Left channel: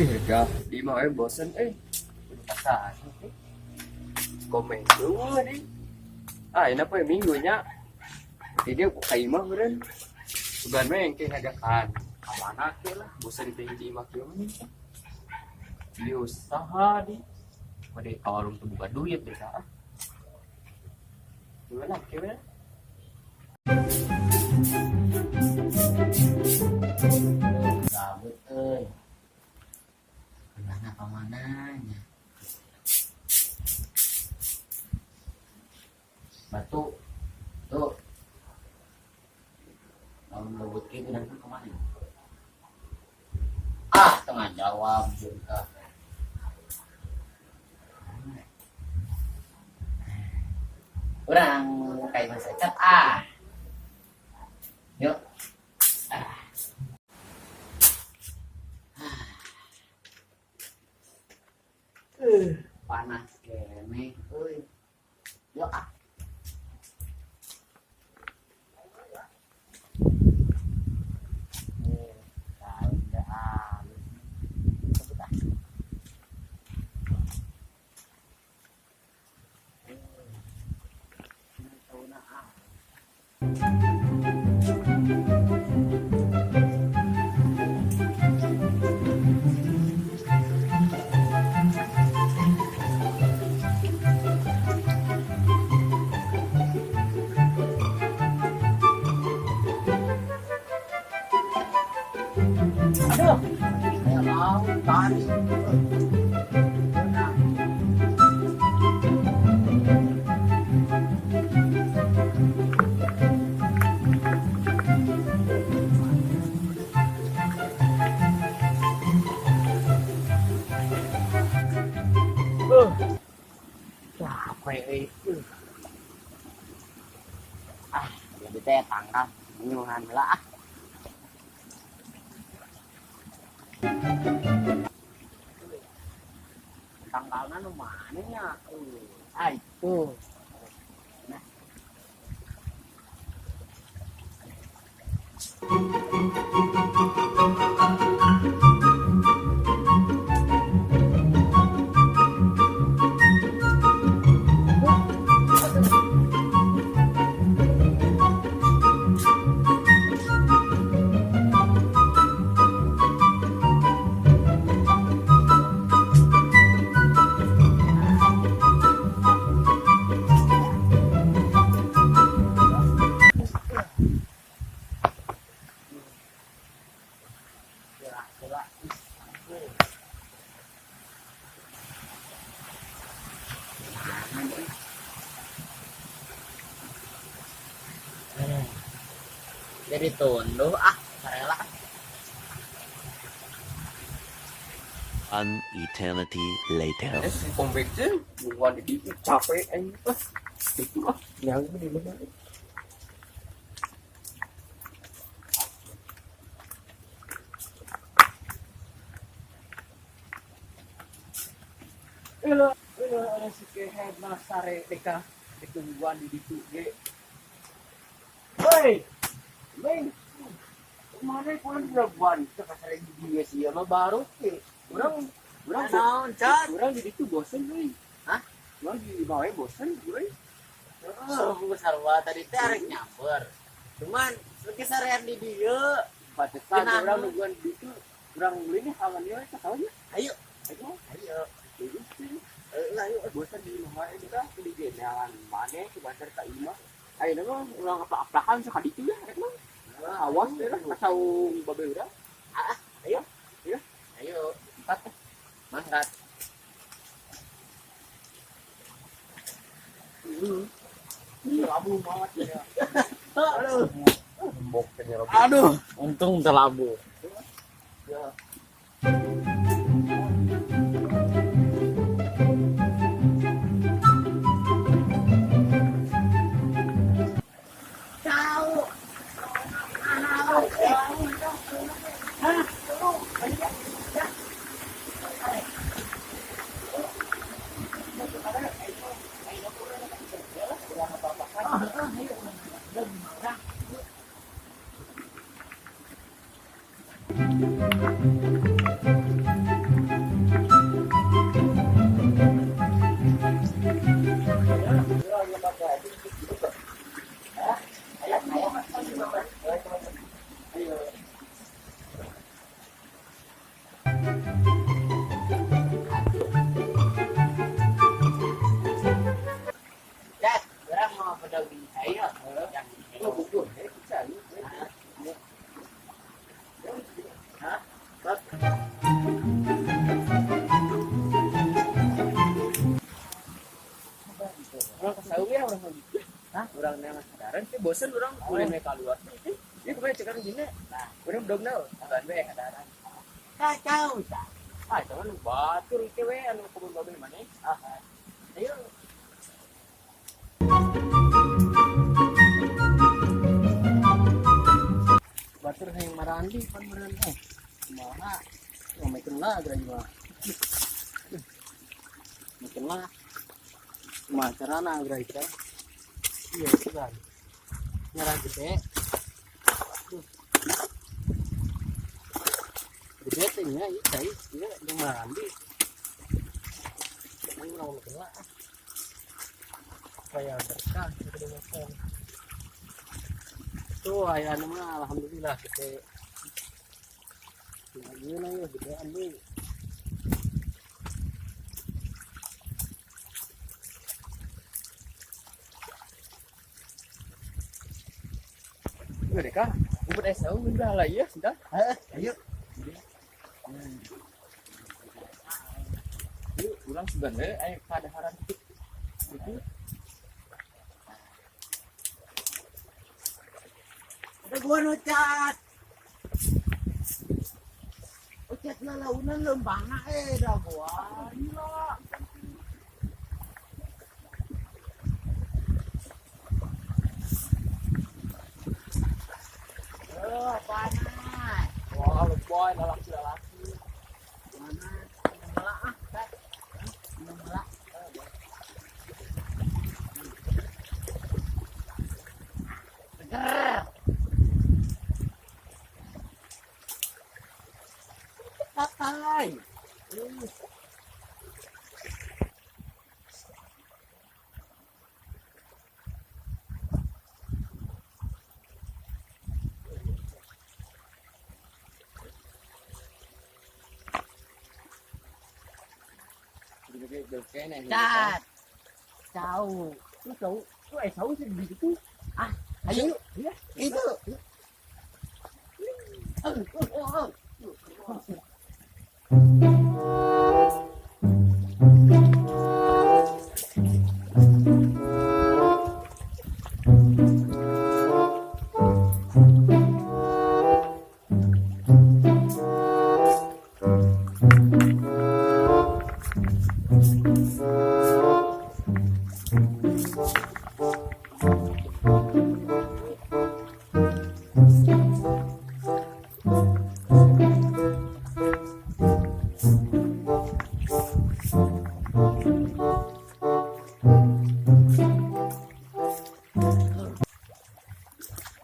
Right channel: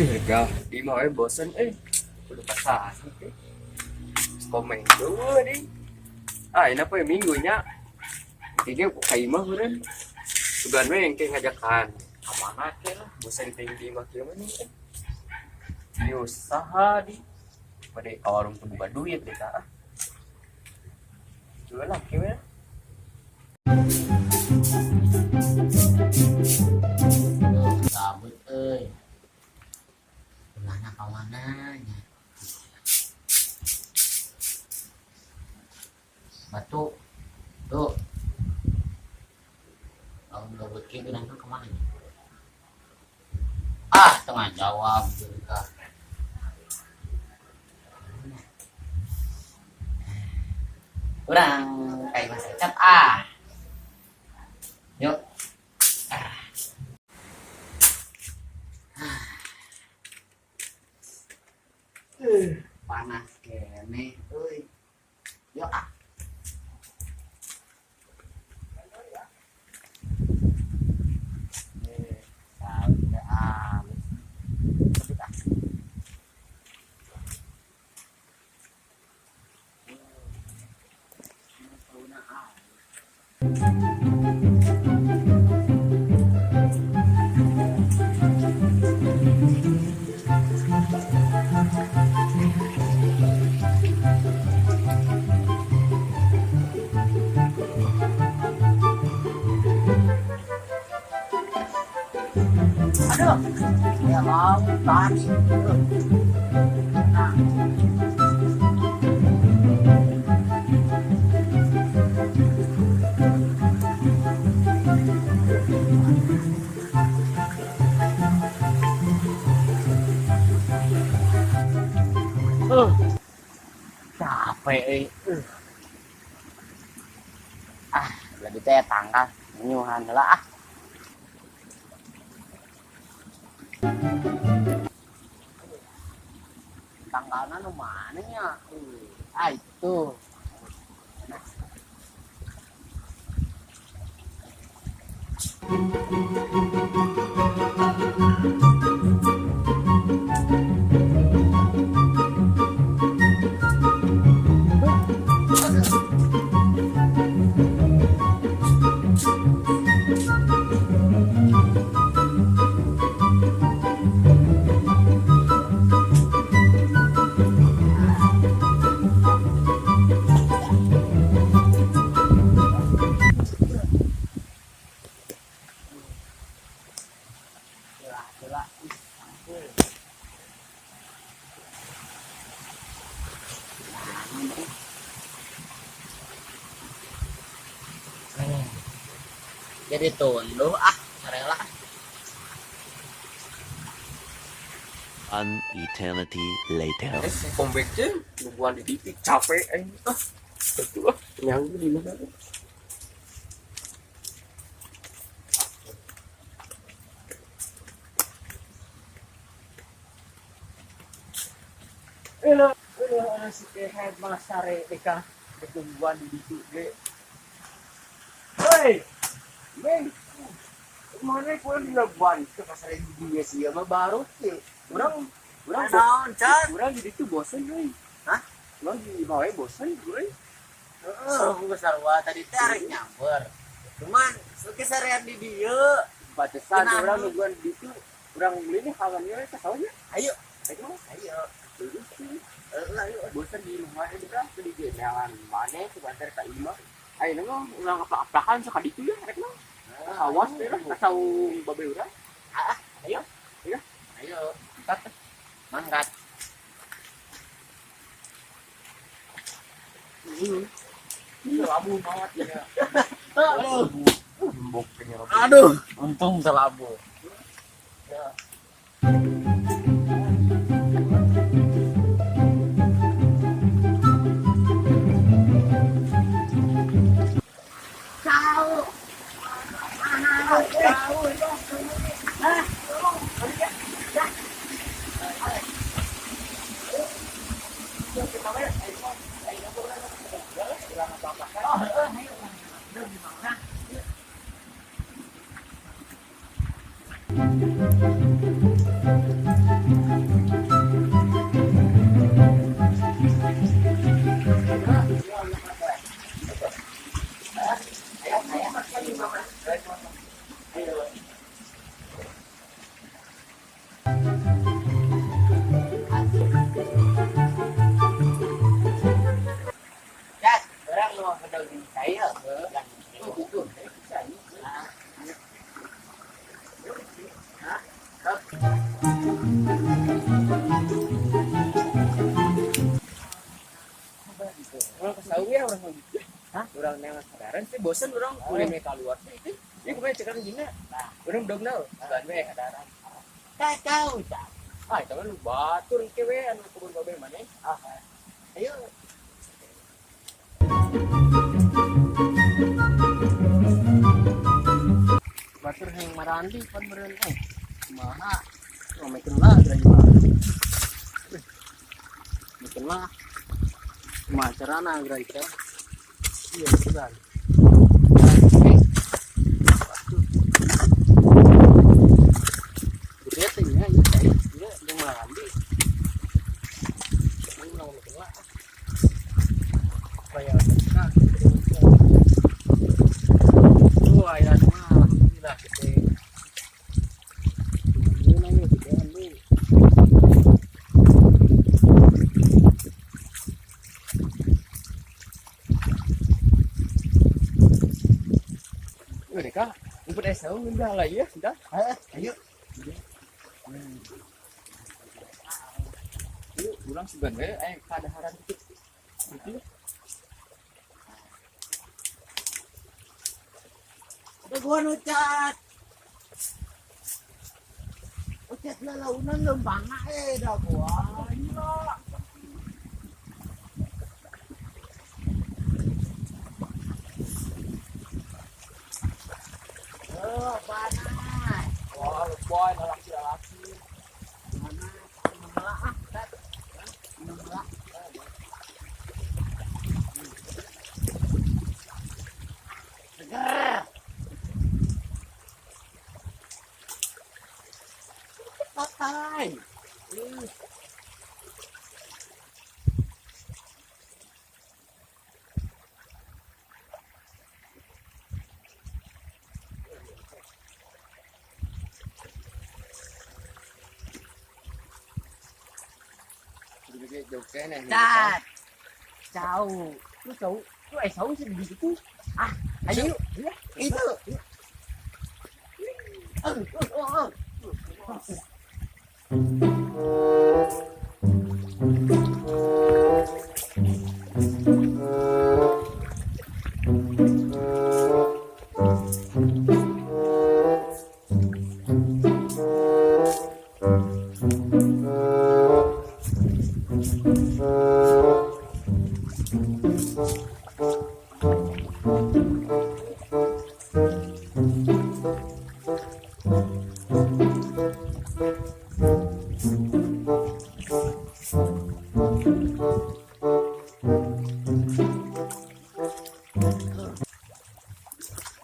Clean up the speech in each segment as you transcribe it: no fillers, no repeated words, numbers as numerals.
Ya, di mau bosen udah pasang komen dulu di ini apa ya minggunya ini kayak mah beren bukan yang kayak ngajakan kemana ke lah bosan tinggi mah gimana nih di usaha di pada warung tuh buka duit deh kak jual lah gimana gabut kemana kemananya batu tuh kalau gabut kayak bilang kemana ya? Tengah jawab juga kurang kayak masa cat yuk panas kene yuk aduh saya mau tadi capek lebih teh tanggal nyuhan lah tanggalnya nu mana nya itu nah. Jadi tunduh sarela An eternity later. pembeknya bukan di TV capek yang di mana si kehead masare deka ditungguan di situ ge. Hei, Meng, mana kurang dilakukan ke pasar di dia sih sama baru ke. Orang naon cat orang jadi tuh bosan euy. Hah? Orang di bawah bosan euy. besar wah tadi teh arek nyamper cuman kesarean di dieu Batasan Kenapa? orang nungguan di situ orang beli nih halannya ke sawahnya. ayo Ayo. Terus sih. Ayo bosan di rumah ini dah di jalan mana sebentar ka imah. Ayo nama ulang apa-apakan sekali itu ya rek mah. Awas deh lah kasau babe urang. ayo Ayo. ayo mangkat Labu banget ya. aduh Lembok pengen. aduh untung telabu ya yang di saya yang Oh, betul. Bisa ni. Orang kesau ya orang gitu. Hah? Orang yang sadaran sih bosan orang kuliah mereka keluar sih itu. Ini kemarin cekar gini. Orang belum tahu. Bukan we sadaran. kacau cak. Ah, itu kan batur itu we anu kebun babe mana? Ayo. Batur yang marandi pan meureun Kumaha? Oh, makin lah gerai mah. Makin lah. Kumaha carana gerai teh? Iya, sudah. Gede teh nya ieu teh ieu yang marandi. Ini mau makin lah. Supaya berkah. Tuh, ayeuna mah alhamdulillah gede. Ini nanya gedean deui. Gede kah? Umpet es tahu udah lah ya, sudah. Ayo. Yuk, ulang sebenarnya kadaharan dikit. Gitu. Ada gua nucat. Ucat lalaunan lembanga dah gua. Gila. Panas. Wah, leboy lalaki-lalaki. Mana? Memelak ah, Tat. Memelak. Seger. Tatai. Jadi jauh kene. Cat. Jauh. Lu tahu, lu tahu sih begitu. Ayo. Ya. Itu.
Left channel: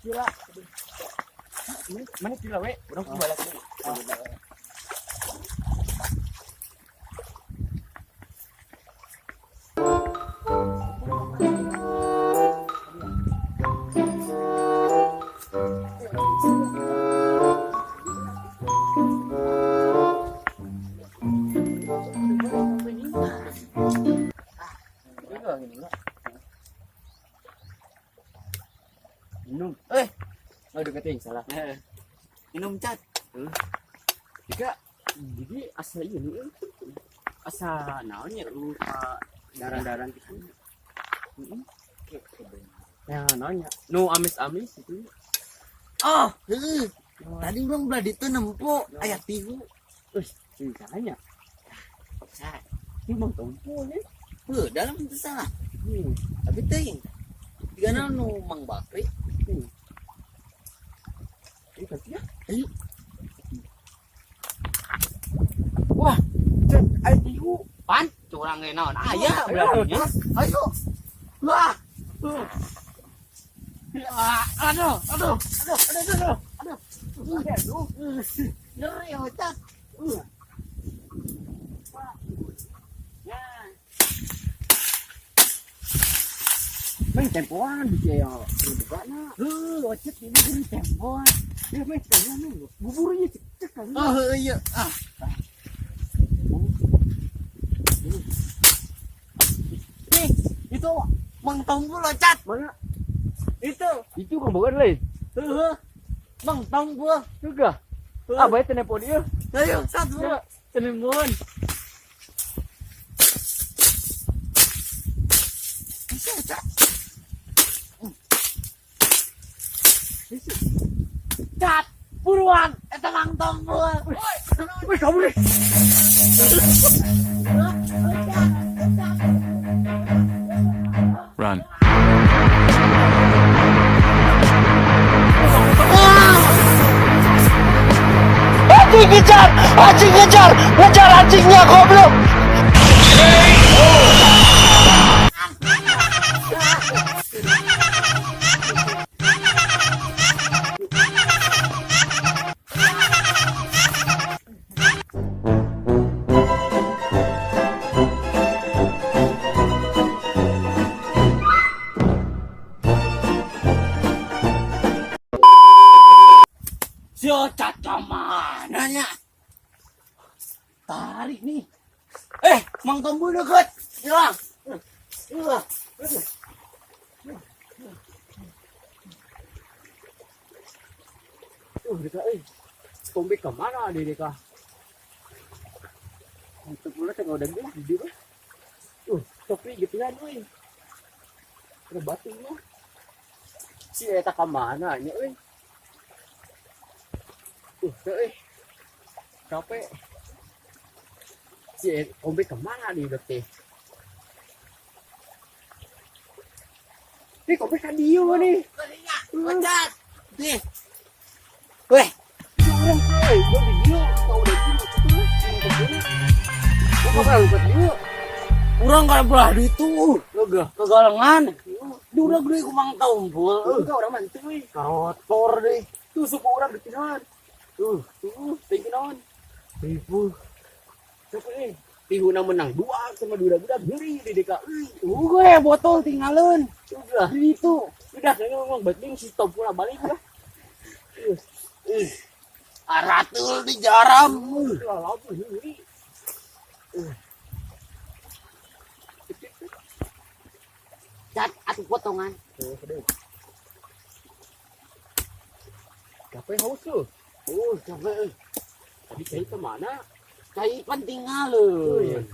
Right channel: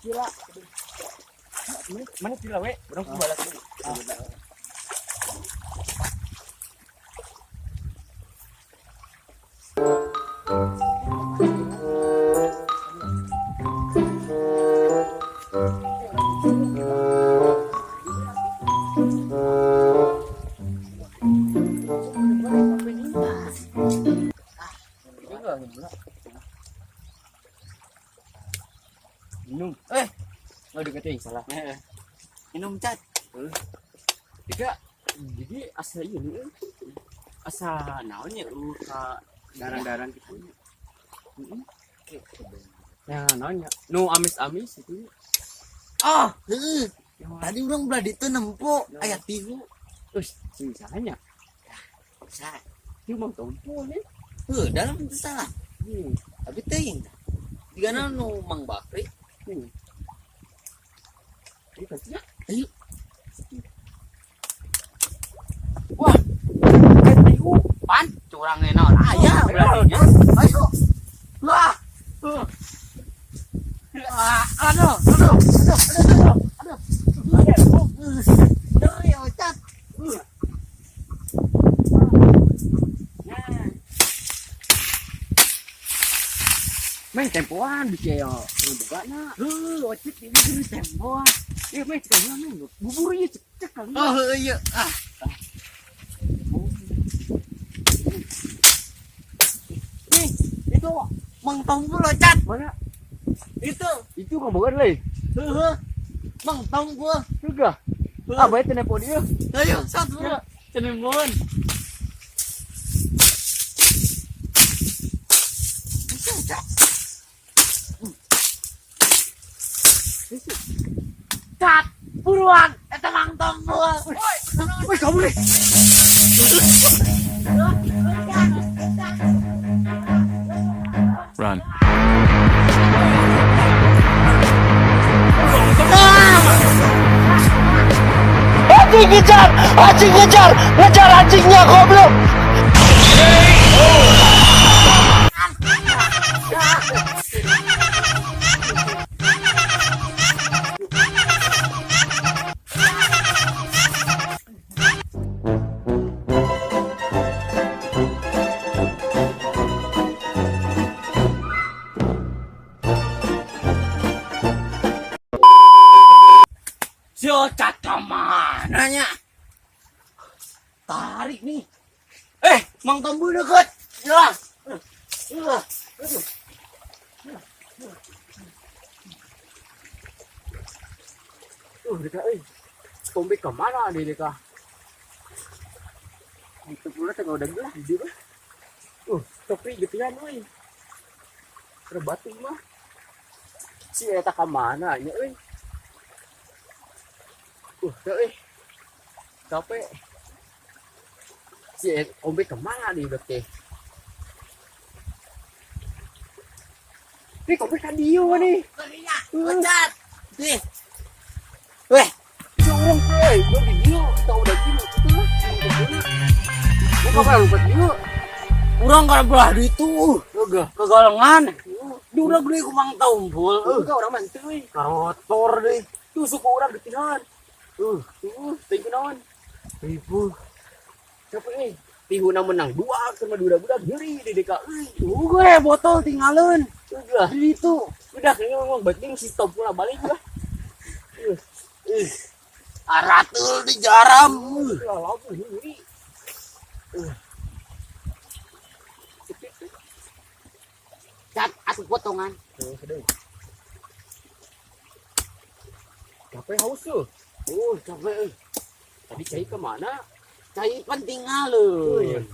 Gila. Mana gila we? Urang ku balas dulu. Minum. Nggak deketin salah. Minum cat. Jika jadi asa ini asa naonnya lu daran-daran kita. Ya naonnya. Nu amis-amis itu. Oh, tadi orang belah itu nempo ayat tihu. Terus sisanya. Cat. Itu mang tompo nih. Dalam itu salah. Tapi teuing. Digana nu Mang Bakri. Ini kasih ya. Ayo. Wah, air tihu. Pan, curang naon. Aya Ayo, berarti. Ayo. Wah. Aduh. Dari ocat. Main tempoan bisa ya. Buka na. Ocat ini gini tempoan. Iya main sekali main. Bubur ya cek kali. Oh iya. Nih, itu Mang Tombol ocat. Mana? Itu ngomongin lain. Heeh. Mang tong gua. Juga. Ah, bae telepon dia. Ayo, satu. Telepon. Cat, buruan, eta mang tong gua. Woi, kamu nih. Run. Anjing kejar! Anjing kejar! Ngejar anjingnya goblok! Si Ocat kemananya? Tarik nih. Mang Tombu deket. Ya. Deka euy. Kombe ke mana dia deka? Itu pula tengah udah gelas di dia. Topi getian euy. Terbatu mah. Si eta ka mana nya euy? Teu euy. Capek. Si kombe ke mana dia teh? Ini kombe ka dieu nih. Ocat. Nih. Weh, Orang euy, gua di dieu, tau udah gini tuh. Gua bakal lupa dieu. urang kada belah duit tuh. Yoga. Kegalengan. Di udah gede ku Mang Tombol. Enggak orang mantuy. Karotor deh. Tuh suku orang getihan. Thank you naon. Ibu. Siapa eh? Tihuna menang 2 sama budak-budak geri di DKI. Gue botol tinggalin. Udah. Di itu. Udah kayaknya ngomong baik si stop pula balik lah. Aratul di jaram. Lalu geri. Cat atuh potongan. Capek haus tuh. Capek. Tadi cai kemana? Cai penting ngalun.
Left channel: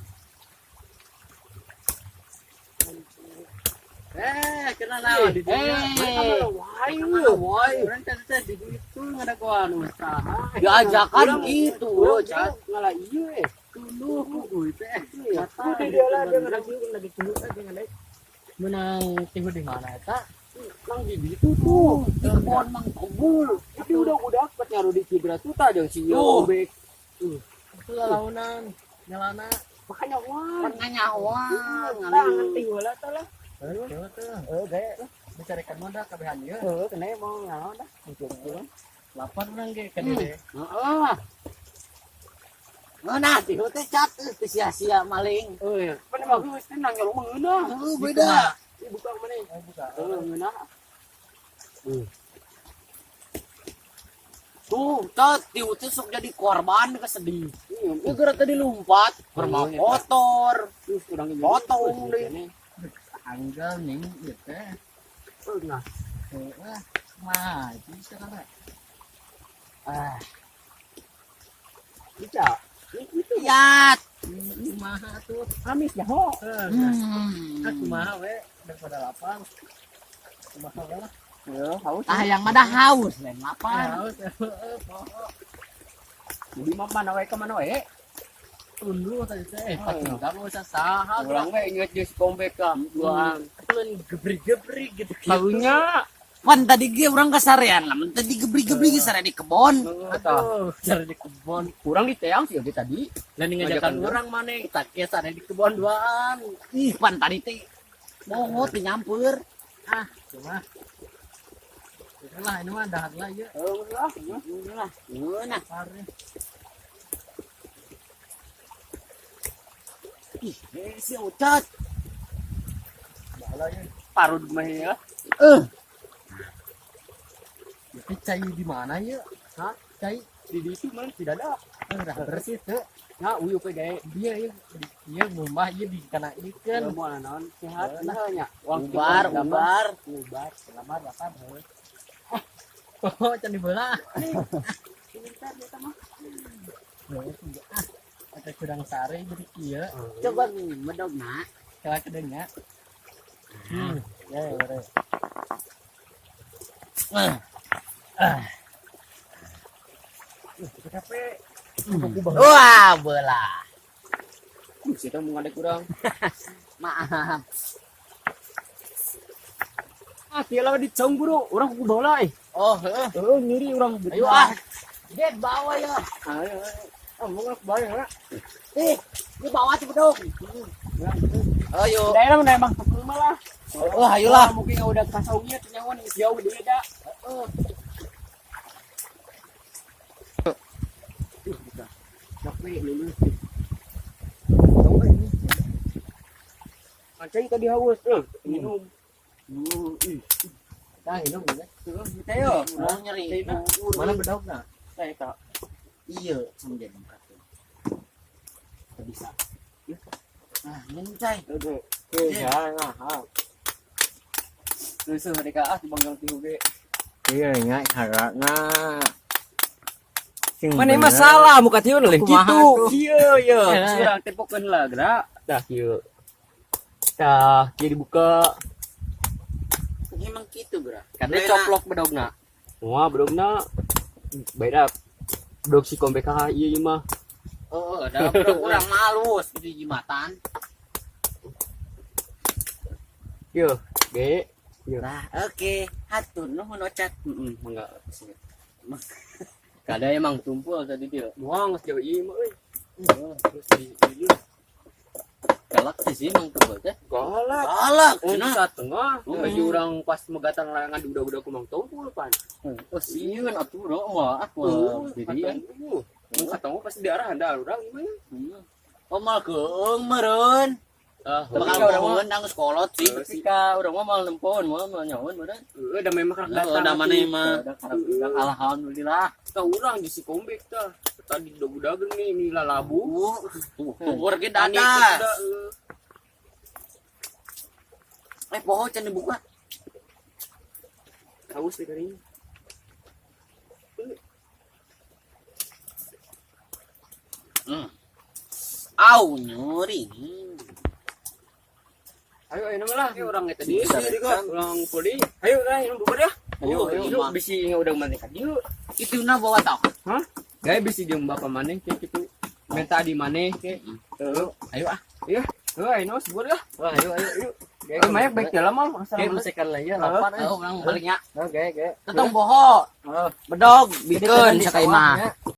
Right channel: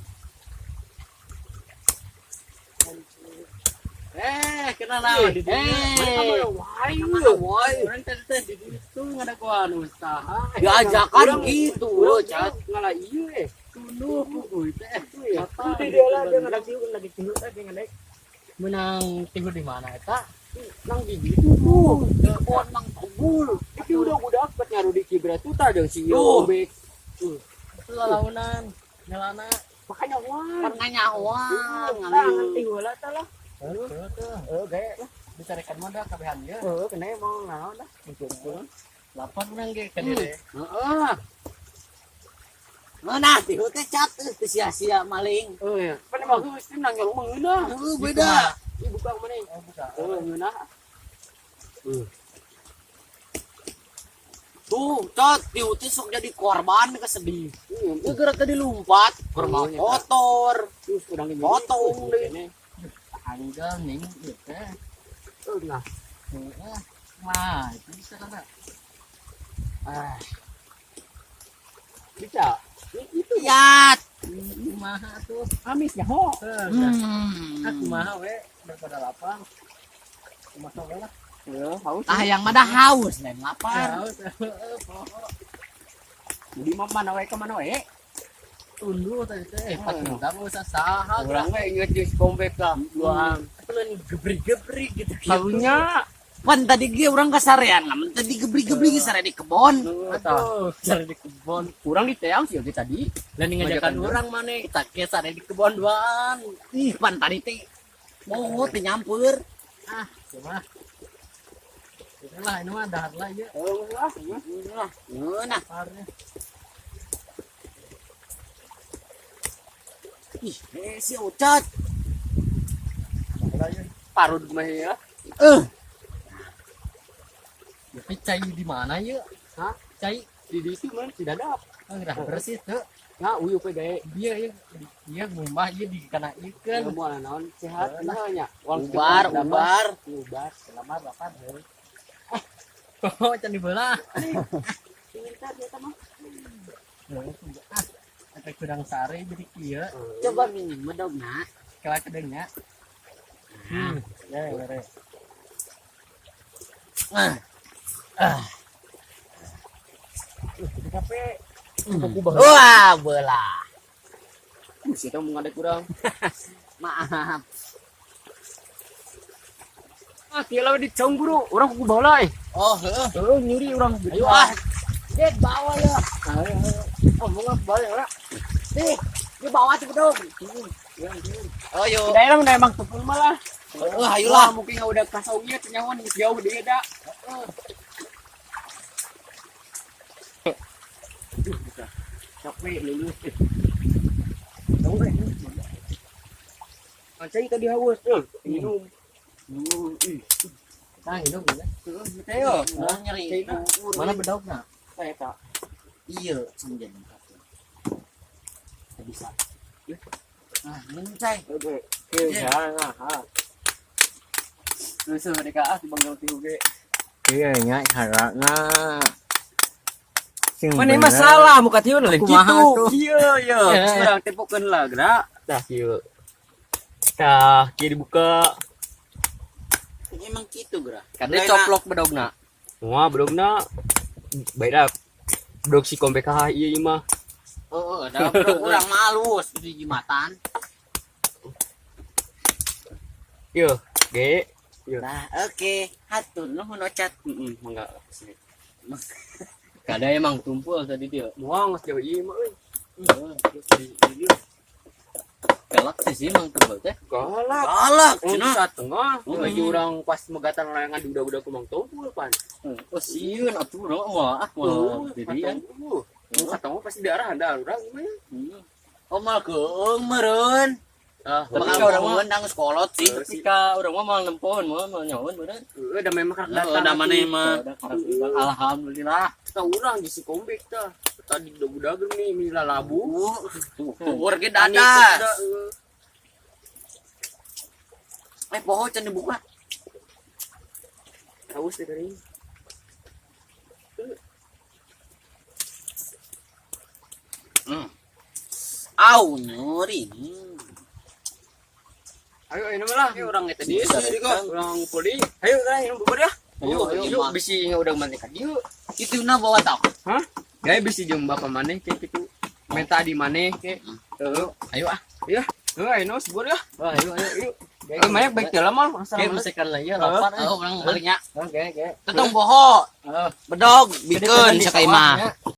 Kena naon di dunia. Mana wai. Orang teh di situ ngada gua anu usaha. Diajakan gitu, Cat ngalah ieu Tuluh puguy teh. Itu di dia lah dia ngada kieu lagi tilu teh dengan naik. Menang tihu di mana eta? Nang di ditu tuh. Kebon Mang Tombul. Itu udah budak bet ngaruh di Kibra tuh tah jeung si Tuh. Yobek. Itu launan. Nyalana. Makanya wah. Pernyawa. Tangan tiwala tah lah. Gaya lah. Dicarikan mah dah kabehan ieu. Kena mau ngalawan dah. Lapan urang ge ka dieu. Heeh. Nah, tihu teh cat teu sia-sia maling. Iya. Pan mah geus nang nyolong mengeunah. Beda. Ibu kang mana? Buka. Ngeunah. Tuh, cat tihu teh sok jadi korban kesedih. Gara tadi lompat, korban kotor. Terus urang ini Potong deh. Anggal ning ieu teh. Nah. Heeh. Mah, bisa kan? Bisa. Itu Yat. Kumaha tuh? amis ya ho. Kumaha we daripada lapang. Kumaha we lah. Ya, haus. Yang mana haus lain lapar. Di mana wae ka mana wae? Tunduh tadi teh. Patunggang usah saha Urang we inget geus kombek ka. Doang. Atuh gebrik-gebrik gitu. Tahunya Pan tadi ge urang kasarean lamun tadi gebrik-gebrik sare di kebon. Atuh, Sare di kebon. kurang di teang sih tadi. Lain ngajakan urang maneh kita ke sare di kebon duaan. Ih, pan tadi teh moho teh nyampeur. Cuma itulah ini mah dahar lah ya. Nah, parnya. Ih, si Ocat. Parud mah ya. Tapi cai di mana ya? Hah? Cai Di situ man tidak ada. udah bersih tuh. Ya, uyu pe gawe. Dia ya Iya ngumah ieu dikena-ikeun. Mau naon sehat nya. Ubar. Selamat dapat heuh. Oh, can dibelah. Pintar eta mah. Eta kurang sare jadi kieu. Coba medogna. Kela kedengnya. Ya, bare. Capek. Wah, belah. Kita mau ngadek kurang. Maaf. Ah, kieu lah dicong buru. Urang ku bawa lah. Oh, heuh. Nyuri urang. Ayo ah. Get bawa ya. Oh, mau balik lah. Nih, di bawah tuh dong. Ayo. Daerah mana emang tukang malah. Wah, ayolah. Mungkin udah kasaunya tenyawan jauh dia dah. Capek lulus. Mancing tadi haus. Minum. Tah hidup ya. Kita yuk. Mau nyeri. Mana bedogna? Saya tak. Iya, sampeyan kata. Bisa. Ah, minum cai. Oke. Ya, nah. Terus mereka di banggang tihu ge. Iya nya harana. Mana masalah muka tieu leuh Kumaha kitu. tuh? Ieu. Urang tempokeun lah gerak. Dah kieu. Tah, kieu dibuka. Emang gitu, Bro. Karena coplok bedogna. Wah, bedogna baik dah. Bedog si kombe ka ieu mah. Oh, ada kurang malus di jimatan. Ieu, ge. Nah, oke. Hatur nuhun ocat. Enggak. Kada emang tumpul tadi dia. Wah, geus jauh ieu mah euy. Galak sih emang tumpul teh. Galak. Galak, Cenah cenah. tengah. Lagi urang pas megatan layangan di udah-udah kumang tumpul pan. Oh sieun atuh urang mah jadi Mun katong pasti daerah ada urang gimana? Oh, mal keung meureun. Ah, Bakal ngomongin nang sekolot sih. ketika urang mah mal nempon mah nyahoun meureun. udah memang karek Datang. Udah mana mah. Alhamdulillah. Kita urang di si kombek tah. Tadi udah nih mila labu. Tuh, ge dadas. Poho can dibuka. Haus deh kering. Au nyeri. Ayo ini malah. Orang eta Di di urang poli. Ayo lah yang bubur dah. Oh, Ayo, iya. bisi udah mantek yuk. Itu na bawa tau. Hah? Gaya bisi jeung bapak maneh kayak gitu. Minta di maneh kayak. Ayo ah. Iya. Ayo sebur ya. Wah, ayo. Kayak banyak baik dalam mal. Kayak besekan lah ya lapar. Oh, orang baliknya. Oke. Tetong boho. Bedog, bikeun sakaimah.